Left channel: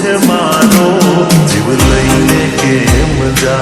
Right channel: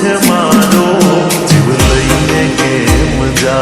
मुझे मारो जीव लेने के मज़ा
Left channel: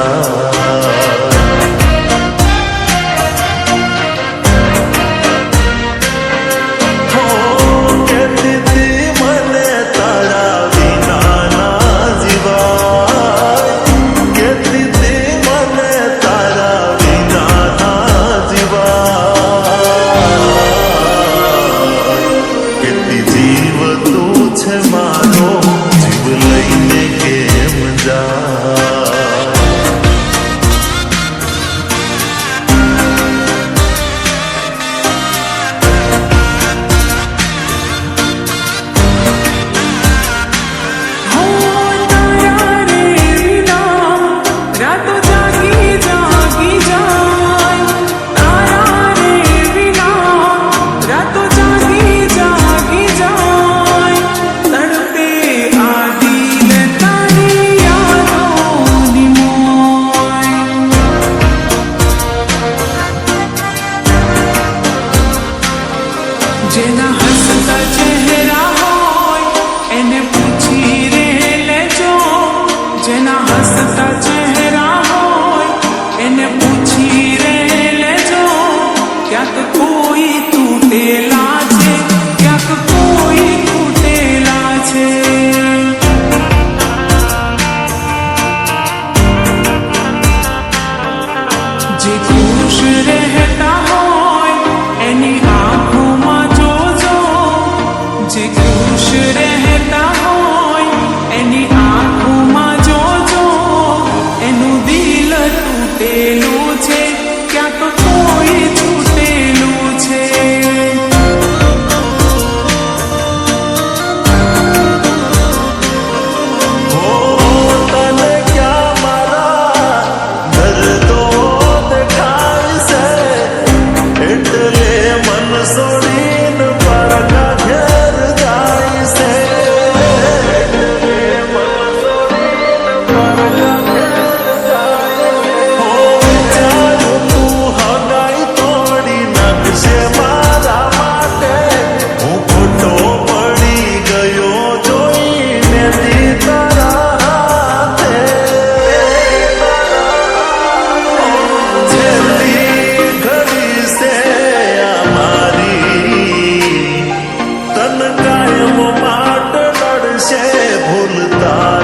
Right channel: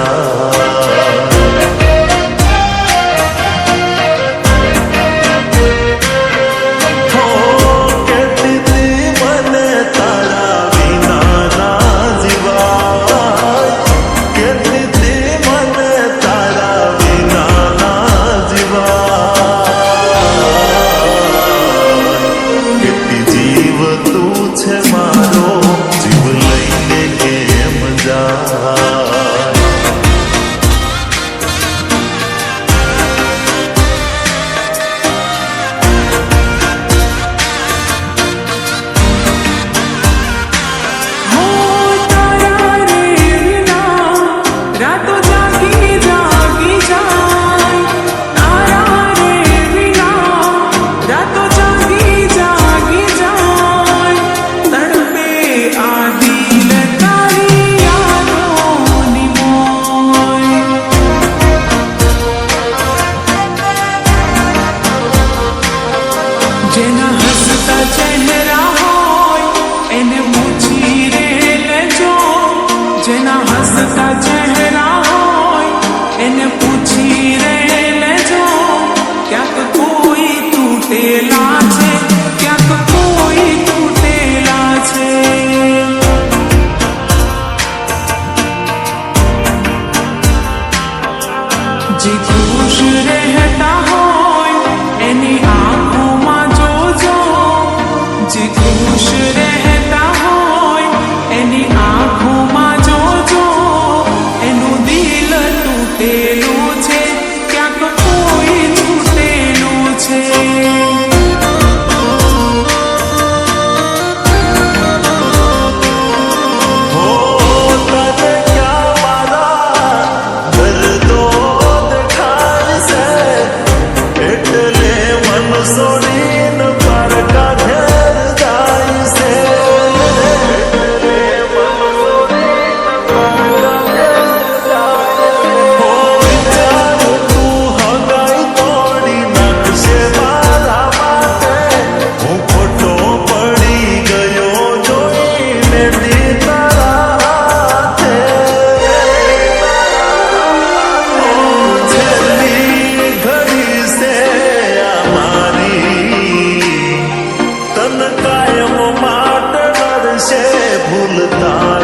જેના હસતા ચહેરા હોય એને પૂછી રે લેજો જેના હસતા ચહેરા હોય એને પૂછી રે લેજો ક્યાંક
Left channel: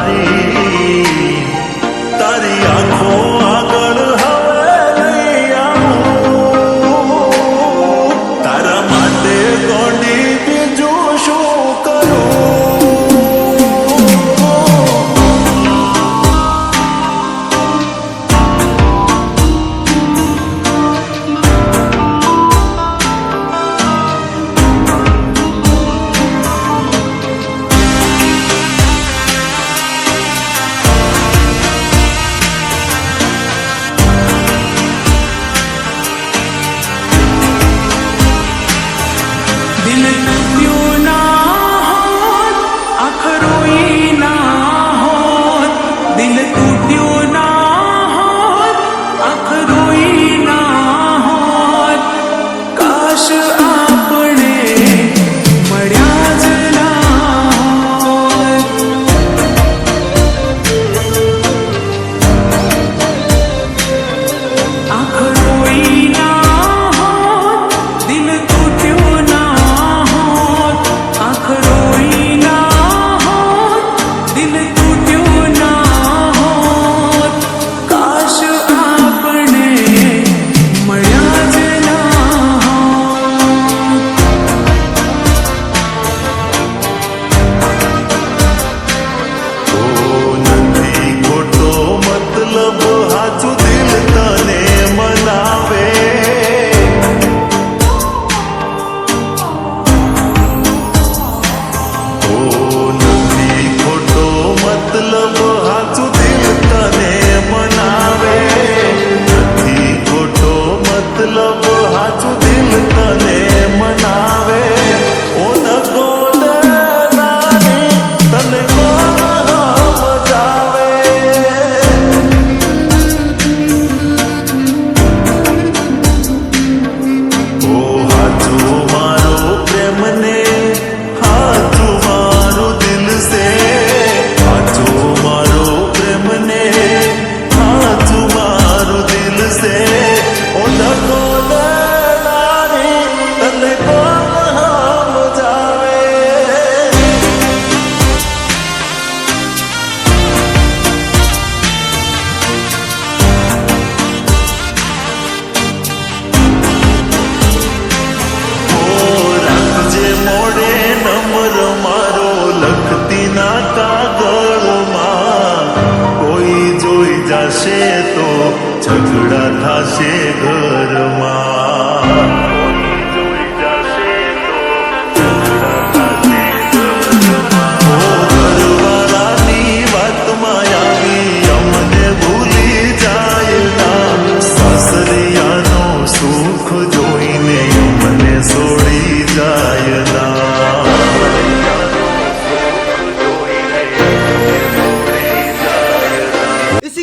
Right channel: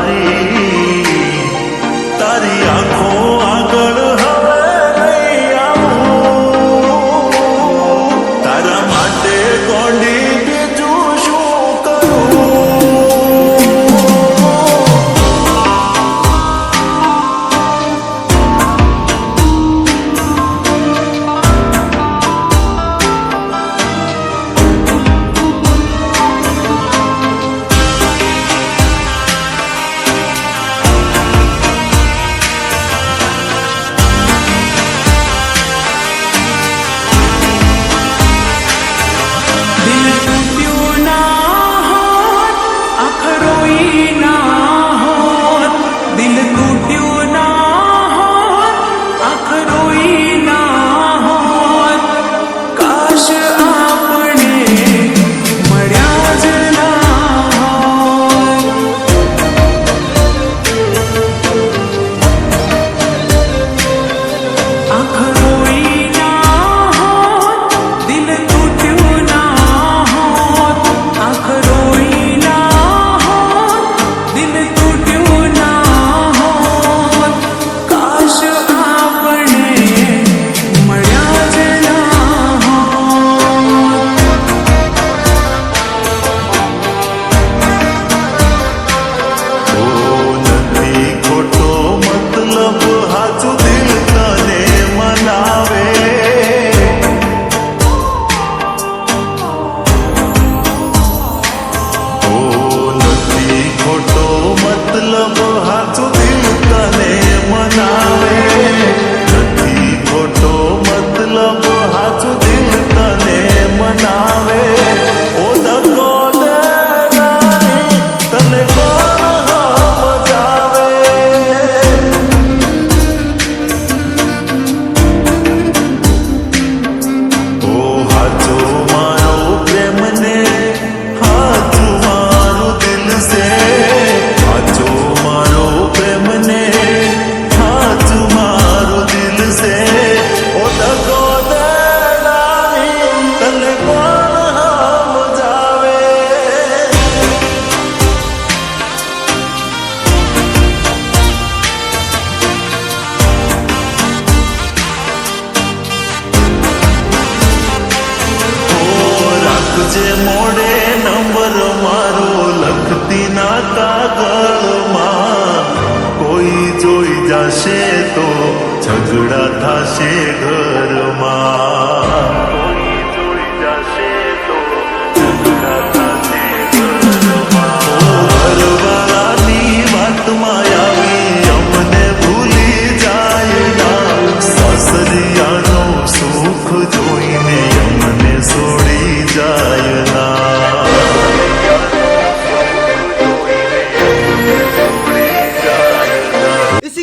Maria. 하루 love, how to do મોડે નંબર મારો લખતી ના કાગળમાં. કોઈ જોઈ જશે તો ઝઘડા થશે ઘરમાં. ઘરવાળાની વાતમાં